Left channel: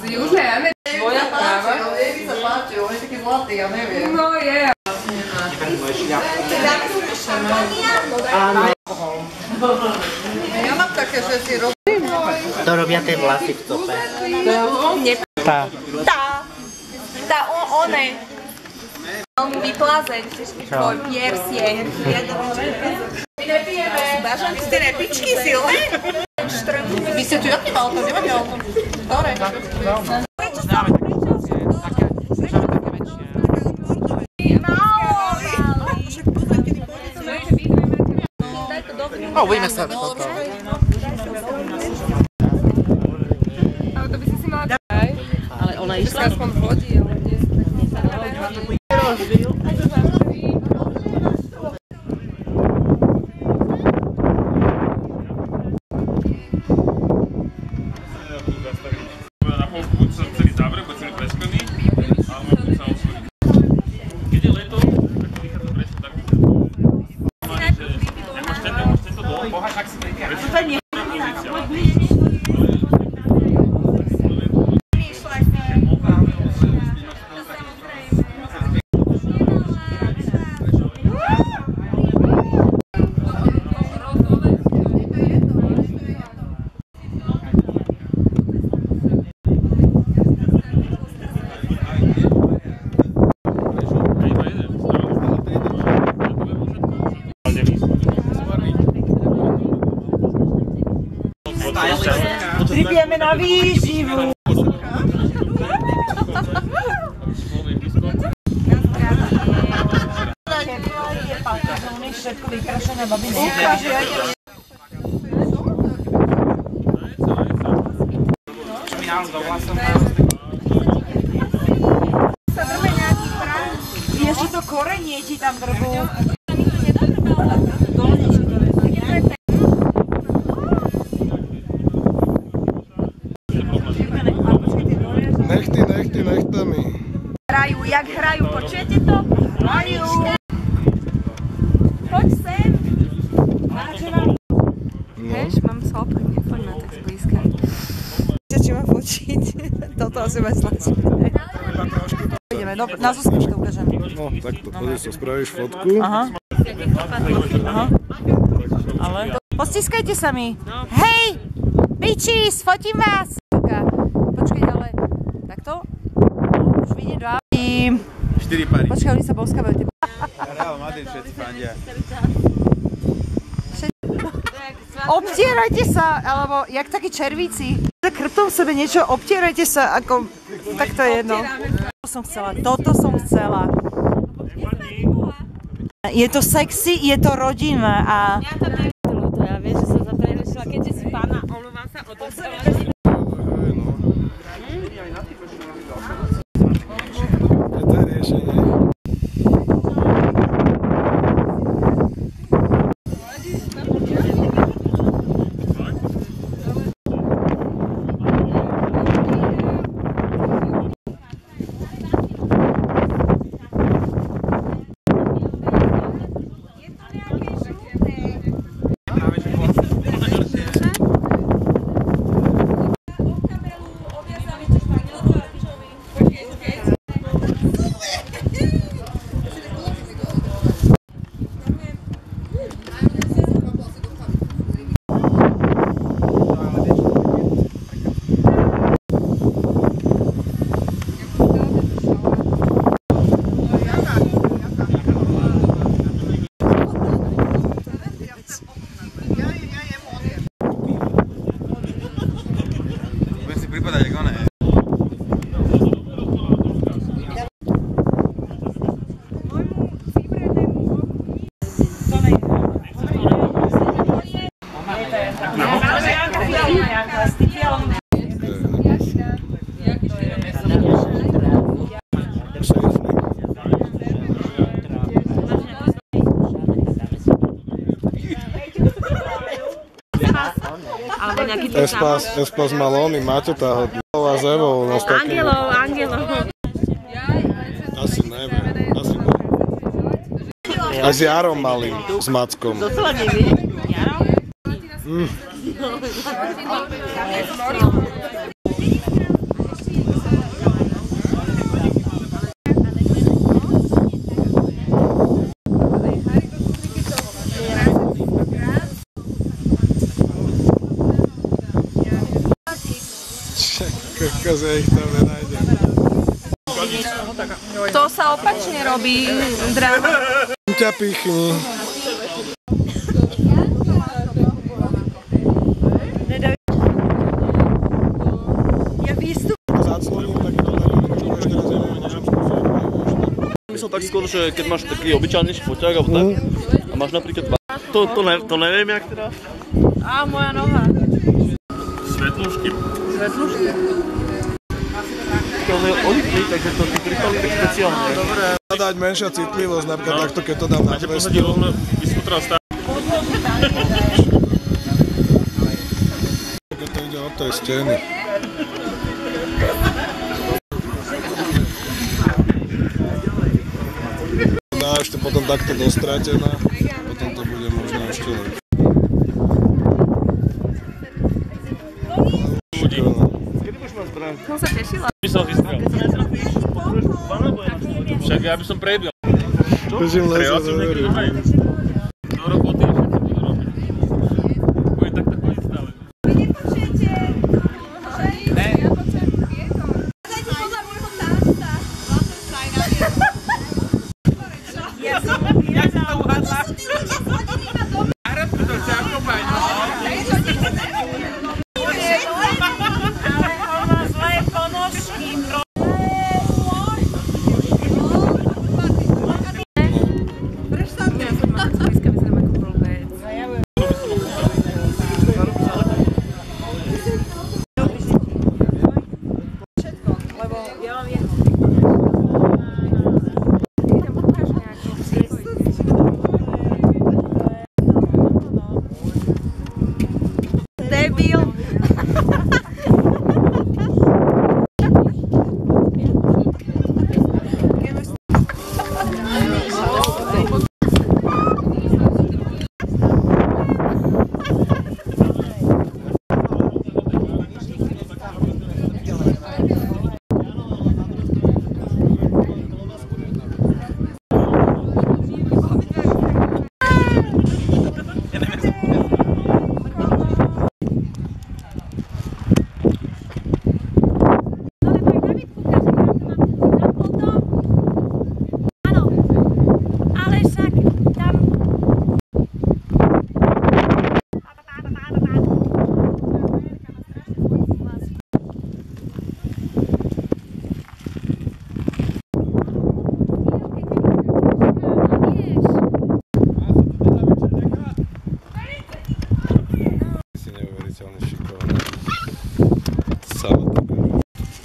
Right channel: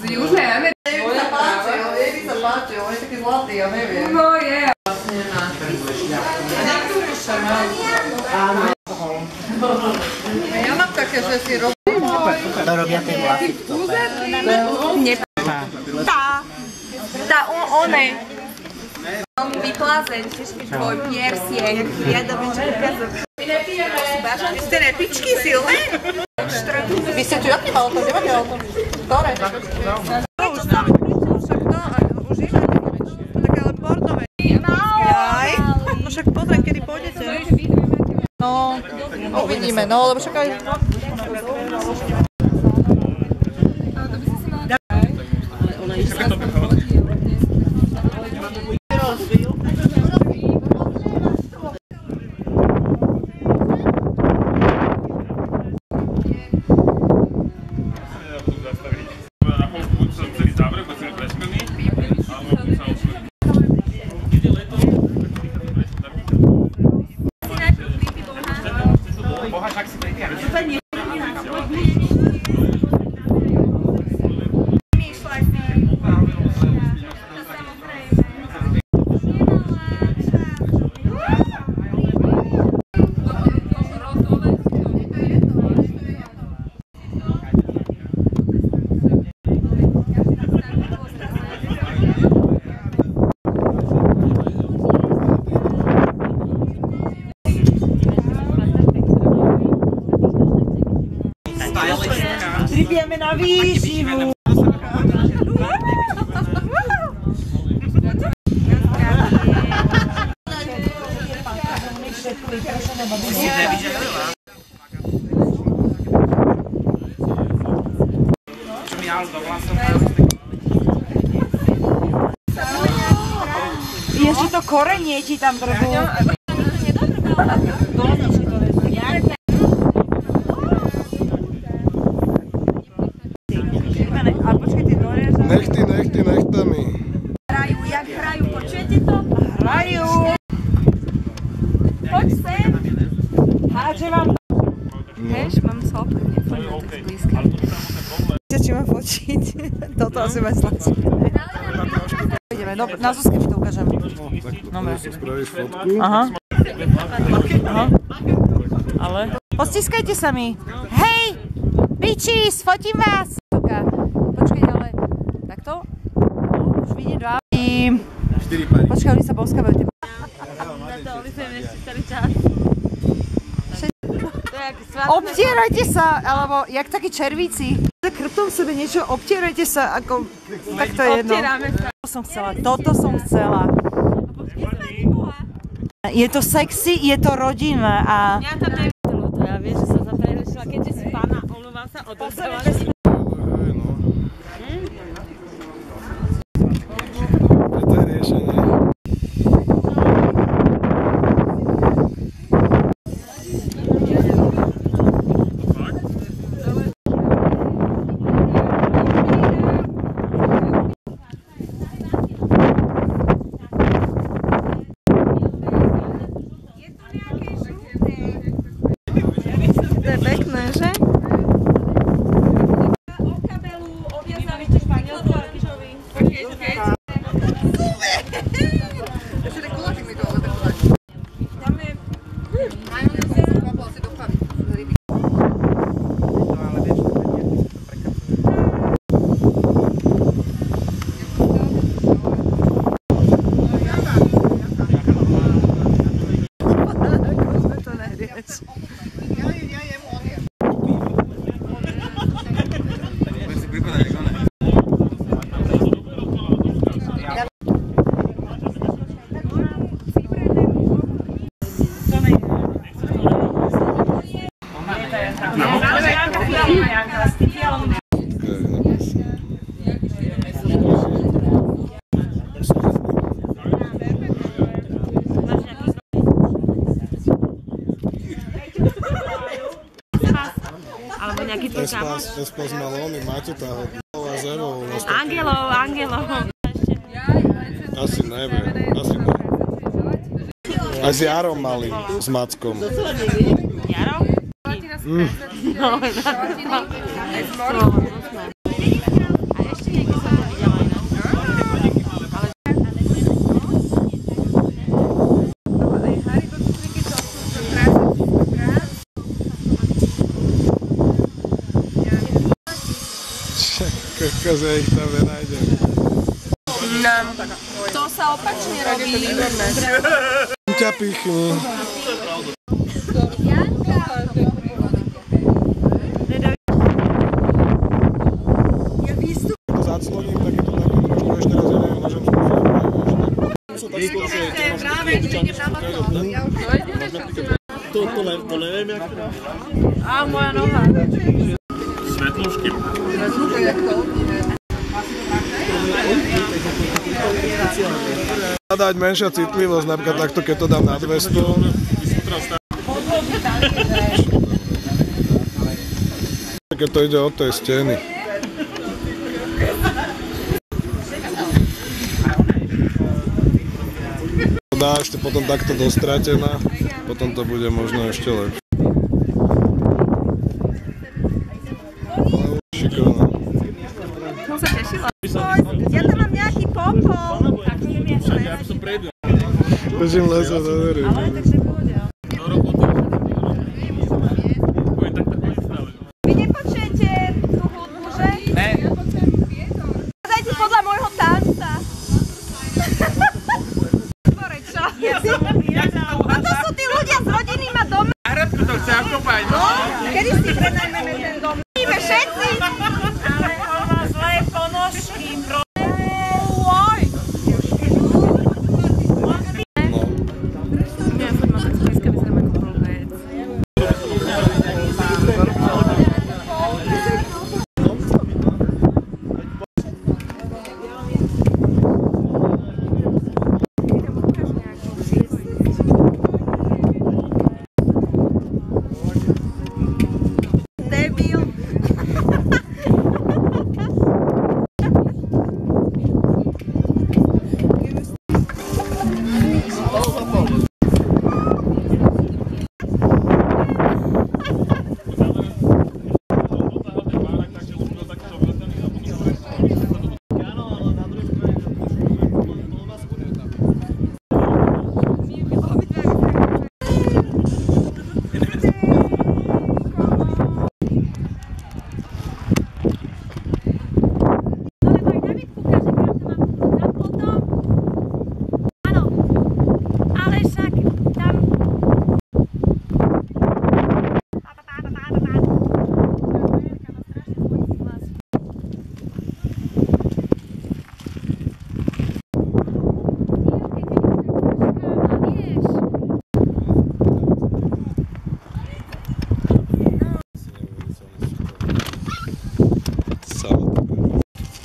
Z Južnej Ameriky. Mne sa páči, on je taký zlatý, ja neviem. No je. Ja mám také, že si robím. To robia tie vlasy v tope. One. On vyplázeň, tvoj piersiek. Ja dobrý, čo je piazok. Ste nepičky silné? Vy ste tu jaký mal auto? Kde máte auto? Ktoré? Prečo som? Už je také ale bordové. No však pozriem, kedy pôjdete. No, uvidíme, no, lebo však aj... Ale to by si mala... Ale ona išla. Na polku buď sa celý zavrie, buď celý prespený, alebo sa osvojí. Keď je leto, tak to vychádza presne taký čas. Nemôžete to dole. Boha, tak si prejde. Pripijeme na výživu. Čo mi ale do vlasov Ešte to korenie ti tam drbú. Dolničky to vezme. Nechtami. Hrajú, jak hrajú, počujete to? Hrajú. Poď sem. Páči vám. Vieš, mám sa oprímne, poďme tak zblízka. Či mám fočiť? Toto asi ma slačí. Ideme, na Zuzke to ukážem. No, tak to sa spravíš fotku. Aha. Ale? Postiskajte sa mi. Hej! Bičis, fotím vás! Počkaj, ale takto? No, už vidím dva. 4 pary. Počkaj, oni sa boskavajú. Obtierajte sa, alebo jak takí červíci. Krtom v sebe niečo, obtierajte sa, ako... Tak to je jedno. Toto som chcela. Je to sexy, je to rodinné a... Mňa tam je ľúto, ja vieš, že som sa preriešila, keďže si pána, omlúvam sa, odozdávaš. Hej, no. To je riešenie. Pekné, že? O kabelu obviazali to španielko a kyžovi. Ešte tak kulotí mi to, ale tak tak. Tam je... Aj on si kvapol asi do pary. Budem si pripadať, ako ne. To ne je. Ale Janka, Janka, s tým fialom. Alebo nejaký ten samot. Espas Malony, máte táho a Zevou. Angelov. Asi neviem, A s Jarom malým, s Mackom. Jaro? Kokos, ja ich tam nenájdem. To sa opačne robí. Ťa pichni. Ja výstup. Ako zacloním, tak je to také trošku, ešte raz, ja neviem, môžem skúšať. Som tak skôr, že keď máš taký obyčajný šputák a tak, a máš napríklad to neviem, jak teda. Á, moja noha. Svetlušky. To je odpí, takže to je špeciálne. Dať menšia citlivosť, napríklad takto, keď to dám na 200. Keď to ide od tej steny. Dá ešte potom takto dostratená, potom to bude možno ešte lepšie. Ale šikovná. Som sa tešila. Ja to mám nejaký pompon. Však ja by som prebil. Bežím lesa do verí. Do roboty. Budem takto chodiť stále. Vy nepočujete tú hudbu, že? Ne. Ja počujem vietor. Dajte podľa môjho tanca. Ja som uvíjala. A to sú tí ľudia z rodiny ma doma. Hradku to chce ako bajť. Kedy ste doma? Všetci. Ale on má zlé ponožky, bro. No. Ja furt mám tak zblízka, vyzerám ako blbec. Debil.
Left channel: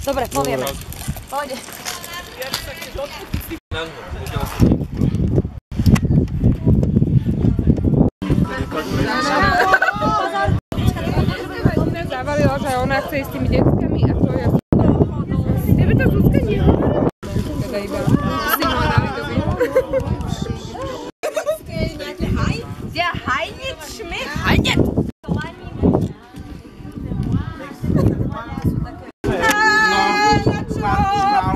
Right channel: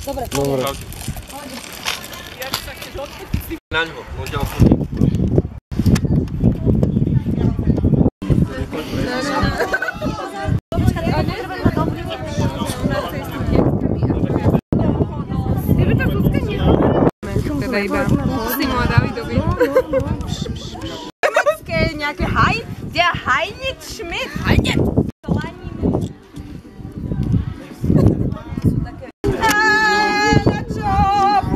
Dobre, poviem. Pohode. Na ňo, odtiaľ som ti. Zabavila, že ona chce ísť s tými deckami a to je... Tebe to Zuzka nehovorila? Teda iba Simo a Davidovi. Nejaké haj? Der Heinit Schmidt. Heinit! Na čo?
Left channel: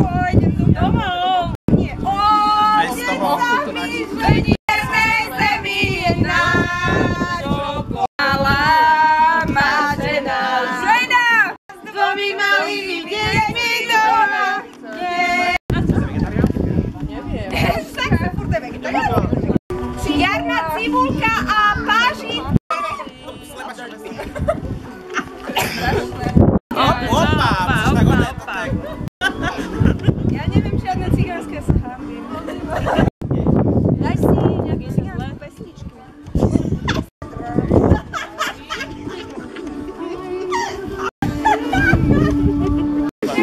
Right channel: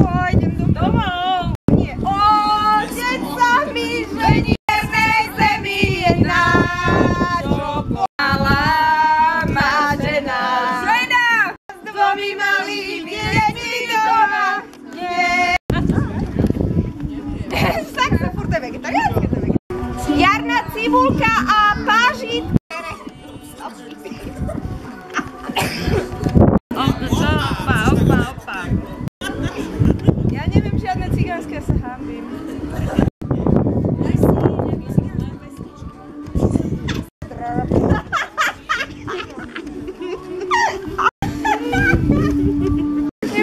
Pôjdem domov. Nie. Otec sa mi žení v vernej zemi je na čo pomála má žena. Žena! S dvomi malými deťmi doma. Nie. Tak sa furt je vegetariánske. Jarná cibulka a pážit. Opa. Ja neviem žiadne cigánske, ja sa hambím. Daj si nejaké cigánske pesničky.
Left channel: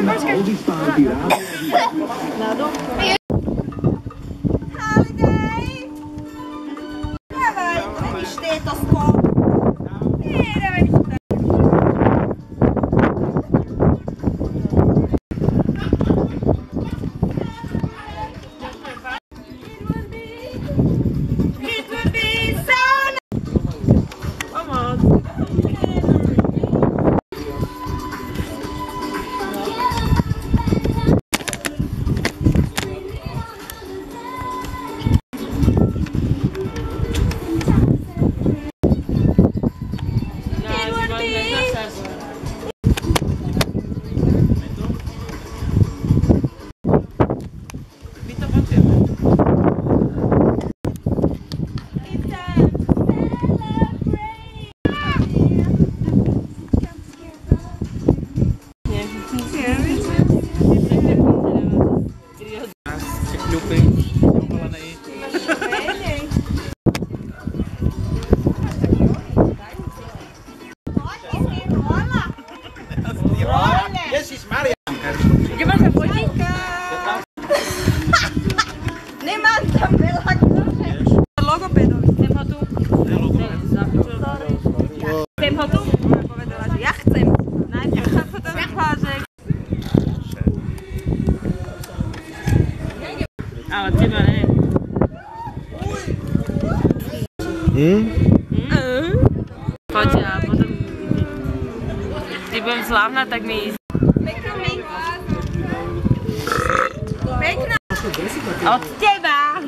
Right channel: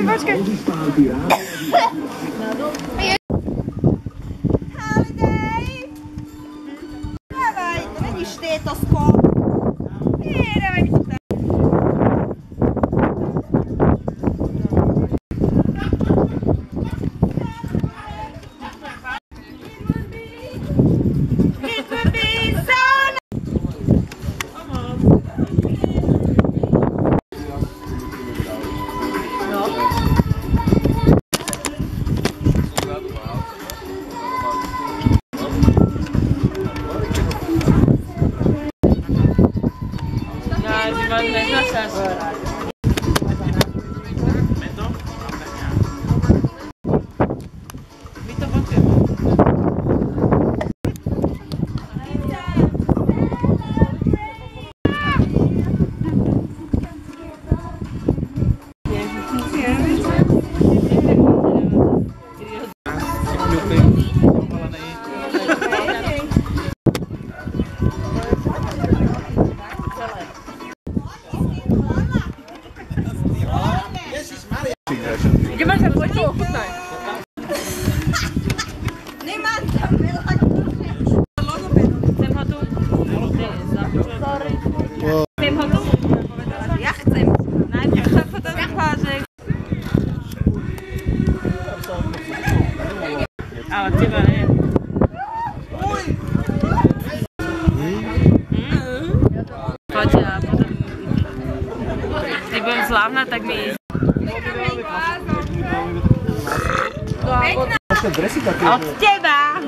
Počkaj. Holiday! Dávaj, vidíš tétosko. Nie, dávaj mi to tak. It would be so My to počujeme. Kľúpy. Ohalené. Ježišmaria. Kde máš sa fotiť? Nemám tam veľa. Logopedovi. Chcem ho tu. Chcem ho tu. Povedala, že ja chcem. Najprv sa fotografážek. Ale teba ne. Poď a potom... Keď budem slávna, tak mi... Pekná. Od teba!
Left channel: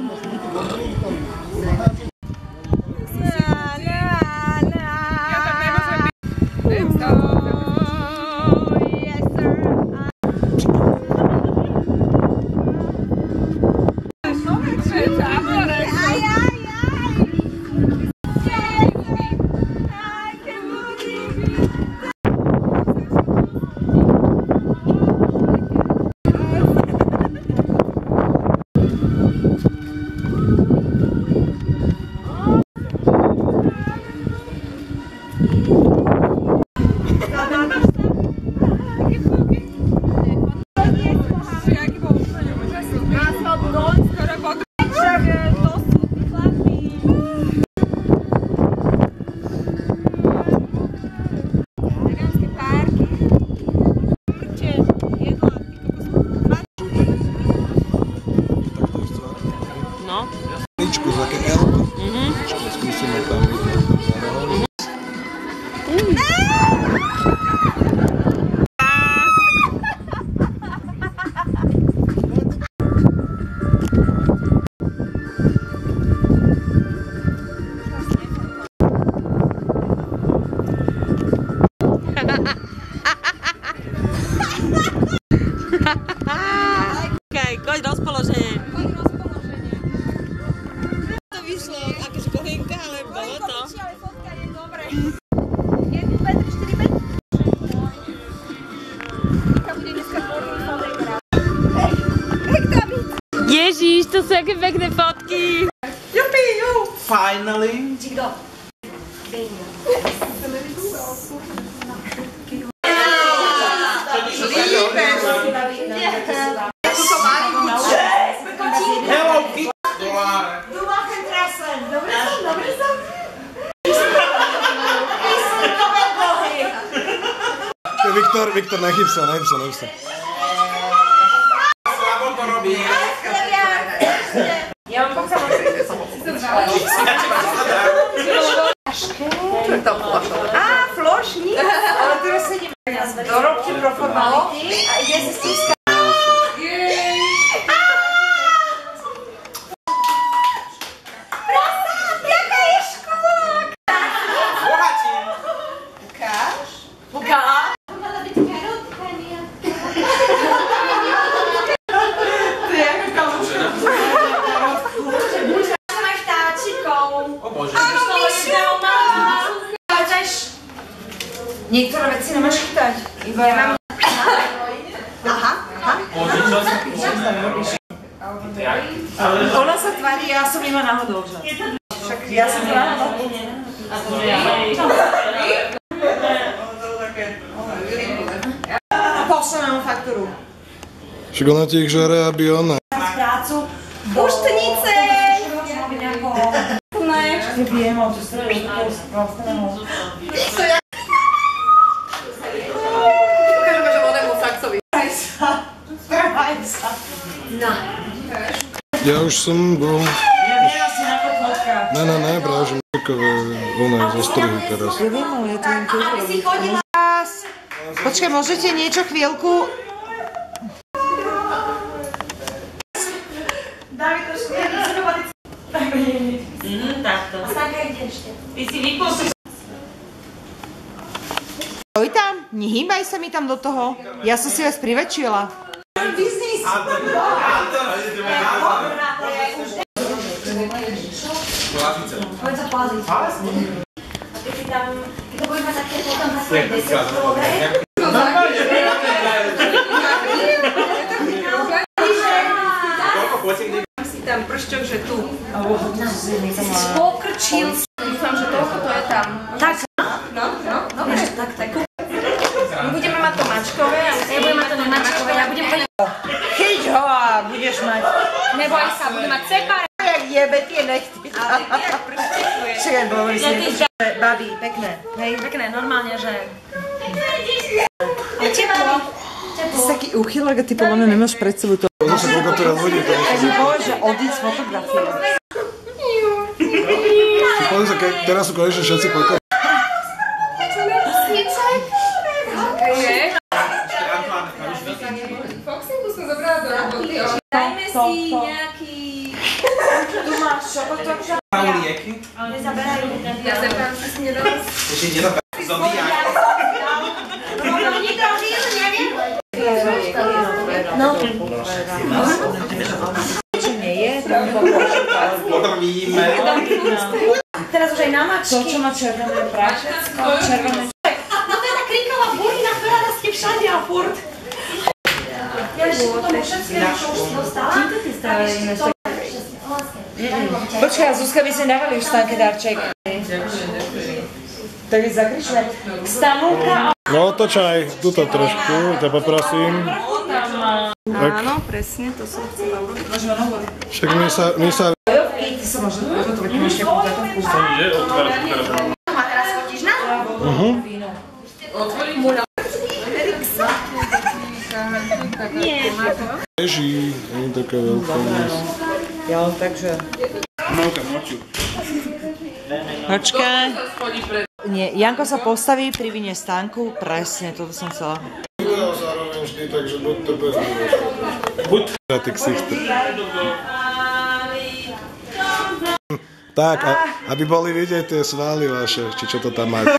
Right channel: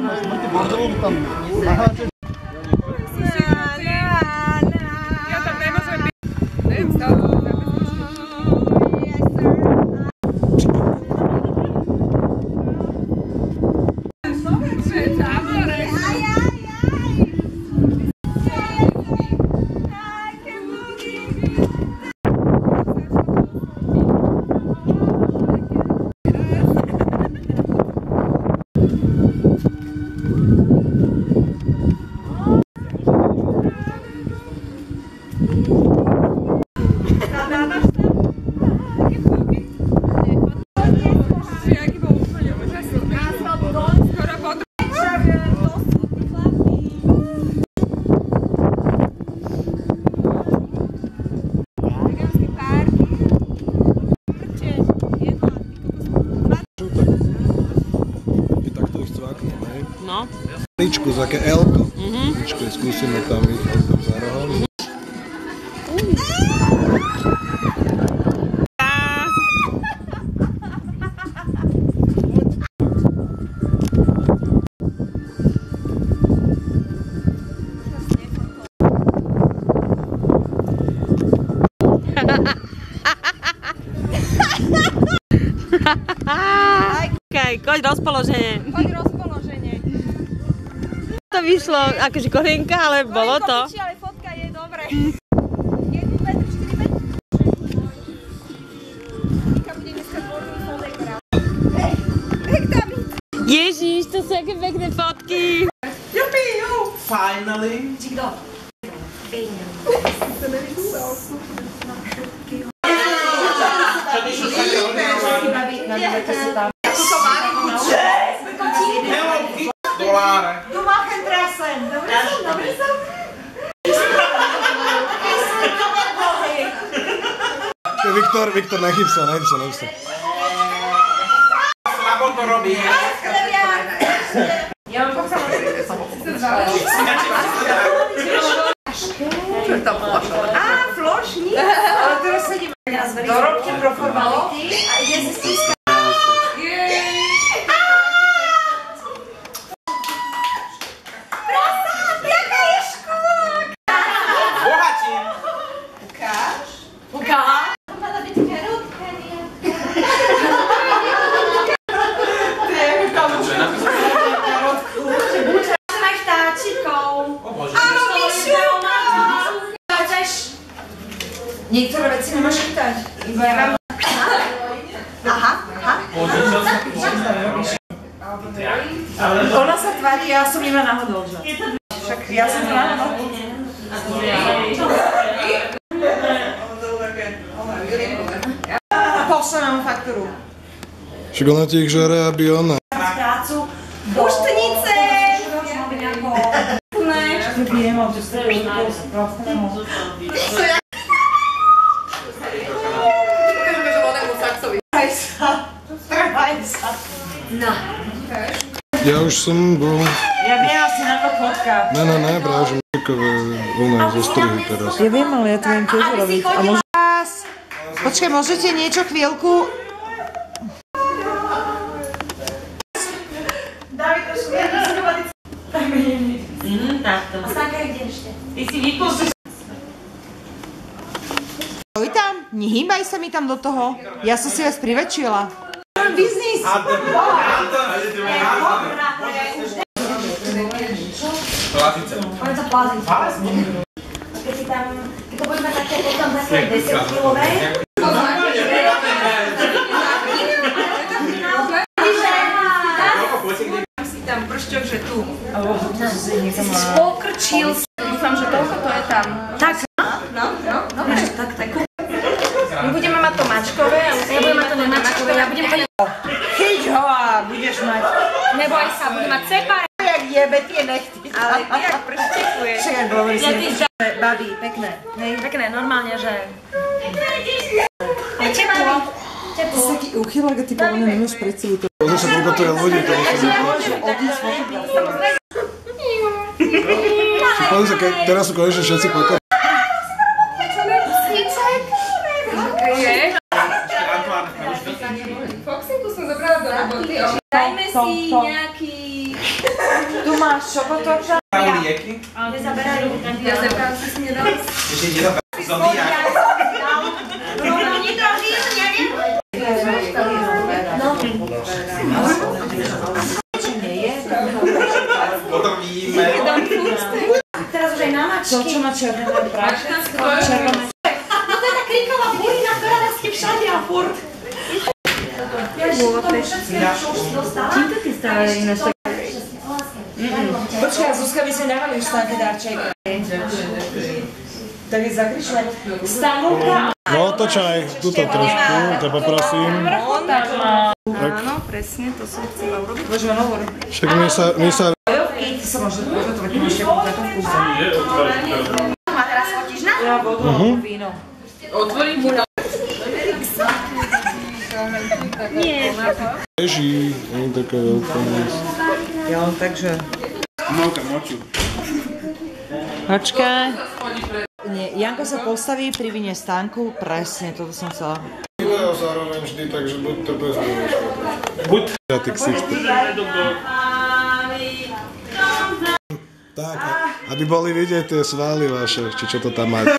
Ja tam nemôžem byť. Yes, sir. Aj. Skoro pod... To sú tí chlapí. Vegánske párky. Mrče, jedla, ty kokos. Žlté. Keď takto ich cváknem, hej? No. Ličku, také L-ko. Ličku, skúsime tam, vidíte, tam za rohom. Okej, koď rozpoloženie. To vyšlo akože kolienka, ale bolo to. Ale fotka je dobré. 1, 2, 3, 4, 5. Nika bude dneska tvorný fotograf. Ježiš, to sú aké pekné fotky. Finally. Tu machen Dressen. Dobre som. Viktor, nechyb sa. Slabo to robí. Ja mám pak samozrejme. Á, flošník. Ale teraz sedíme do robky pro formality a ide si stiskať. Niektoré veci nemáš chytať. Iba ja mám... Aha. Ona sa tvári, ja som iba náhodou, že? Však ja som to náhodou. Pošle nám faktúru. Však ona ti ich žere, aby ona. Prácu do... Puštenice! Viem, mám tu strelu, Ukážeme, že vonému saxovi. Trvaj sa. No. Ja už som bol... Ja viem asi na to fotka. Ne, práve, že takové oné zostrihy teraz. Ja viem, ale ja to viem tiež robiť. A môžem... Počkaj, môžete niečo chvíľku? Dávaj trošku, ja nechcem robiť. Takto. A Stanka je kde ešte? Ty si vypustíš. Stoj tam, nehýbaj sa mi tam do toho. Ja som si vás priväčšila. Biznis! Poďme sa plaziť. A keď si tam, keď to budeme také potom také 10-kilové. Si tam pršťok, že tu. Si pokrčil. Dúfam, že toľko to je tam. Tak. No, tak. My budeme mať to mačkové, a ja budem mať to nemačkové, ja budem mať... Chyť ho a budeš mať. Neboj sa, budem mať separát. Jak jebe tie nechty. Ale ty jak pršťekuješ. Čakaj, bolo si. Babi, pekné. Hej. Pekné, normálne, že... Je teplo. Ty si taký uchylák a ty povedané nemáš pred sebou to. Pozor sa, koľko to je ľudí, to musí byť. Môže odísť fotografovať. Pozor sa, teraz sú konečne všetci pokali. Foxinku som zobrala do roboty. Dajme si nejaký... Tu máš šokotoča. Lieky? Nezaberajú. Ja zebrám si nedala. Ešte nezaberajú. Zobíja. No. Potom vidíme. Teraz už aj na mačky. To, čo má červené prášecko, červené. No to je tá kriková burina, ktorá nás ste všade a furt. Ja ešte k tomu všetkému, čo už si dostala. Čím to ty stále ináč tak... Počkaj, Zuzka, by sme dávali už Stanke darček. Tak je zakričné. Stanulka. No otočaj, tuto trošku, ťa poprosím. Áno, presne, to som chcela urobiť. Môžeme hovor. Však my sa... Ty sa môže ugotovať, máš nejakú zatovku. A teraz fotíš na? Víno. Nie. Leží, nie je taká veľká dnes. Jo, takže... Moka, moču. Počkaj. Nie, Janko sa postaví, privinie Stanku. Presne, toto som chcela. Video zároveň vždy, takže buď trpezlivý. Buď ty ksichter. Tak, aby boli vidieť tie svaly vaše, či čo to tam máte.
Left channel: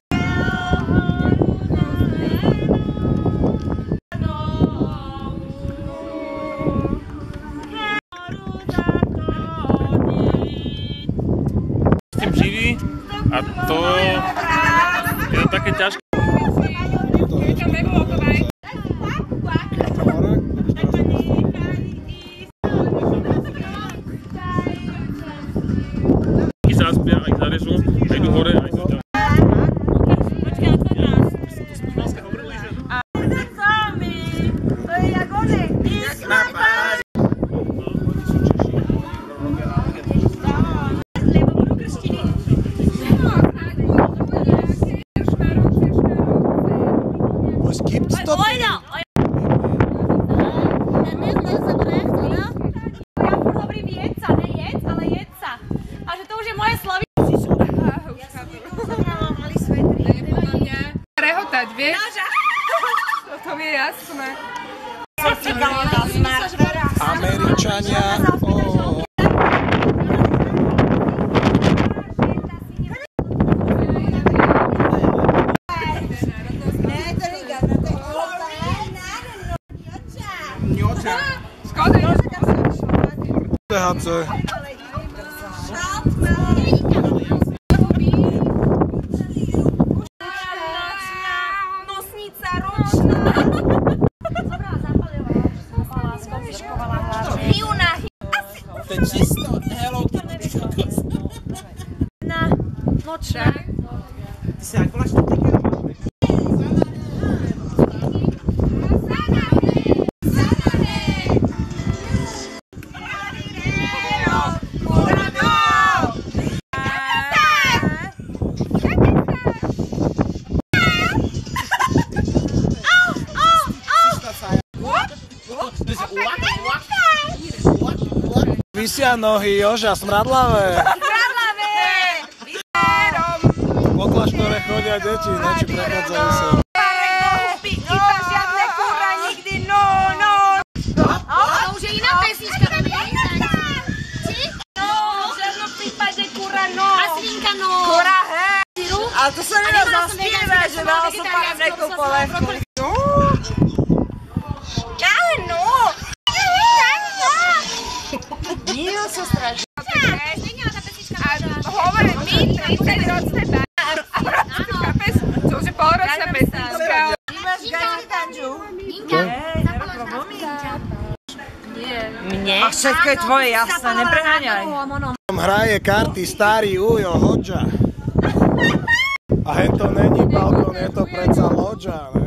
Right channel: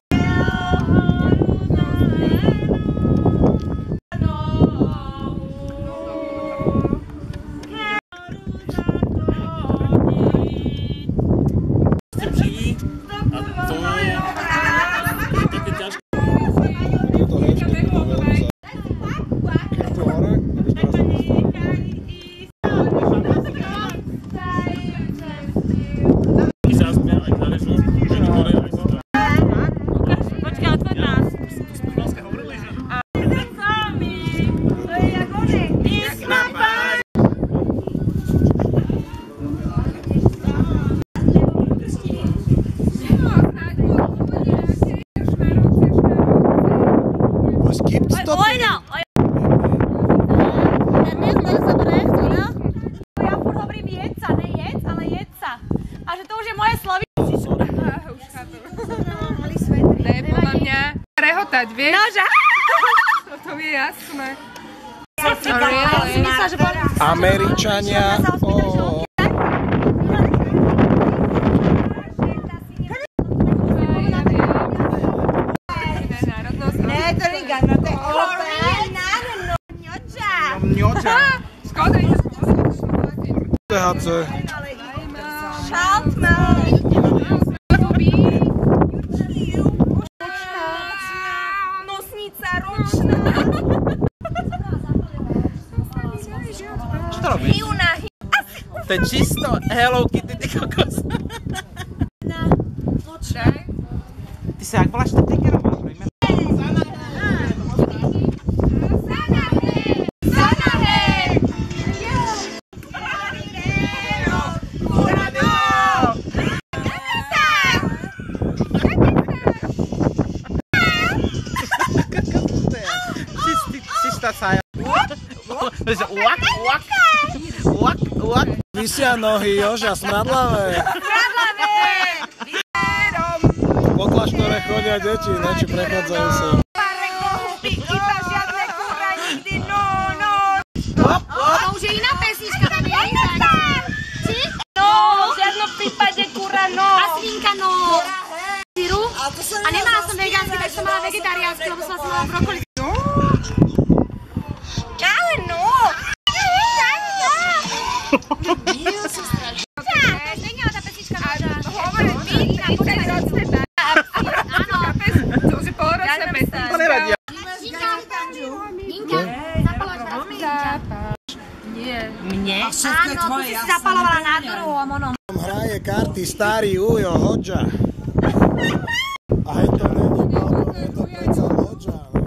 S tým živí a to je také ťažké. Je to hefty, je to veľmi sa... Kým tu hore, tak už teraz sa postaví. Keď sa zaspia, aj zarežú, aj tu hore, aj tu ďalej. Počkaj, odvod nás. To je jak one. Was gibt's da denn? Ja furt hovorím jedca, ne jedc, ale jedca. A že to už je moje sloví. Už chápem. Ne, podľa mňa rehotať, vieš? Nože. To mi je jasné. Američania. Ne, to liga, no to je Mňoča. Škoda. THC. Nosnica ročná. Čo to robíš? To je čisto Hello Kitty, ty kokos. Na nočná. Ty sa jak voláš to tinkerom? esta saja. Vysia nohy, Joža, smradlavé. Po kláštore chodia deti, ne, či prechádzajú sa. Iba žiadne kurva nikdy, no. To už je iná pesnička, tam je iná. No, v žiadnom prípade kurva, no. A svinka, no. Kurva, hej. Syru. A nemala som vegánsky, takže som mala vegetariánsky, lebo som mala brokoli. No. Ale no. Mil sa strašne. Zmenila tá pesnička. Hovorím, my 30-ročné áno. Chápeš? To už je polročná pesnička. Mne? A všetko je tvoje, jasné, nepreháňaj. Hraje karty starý Ujo, Hodža. A hen to není balkón, je to predsa loďa, ne?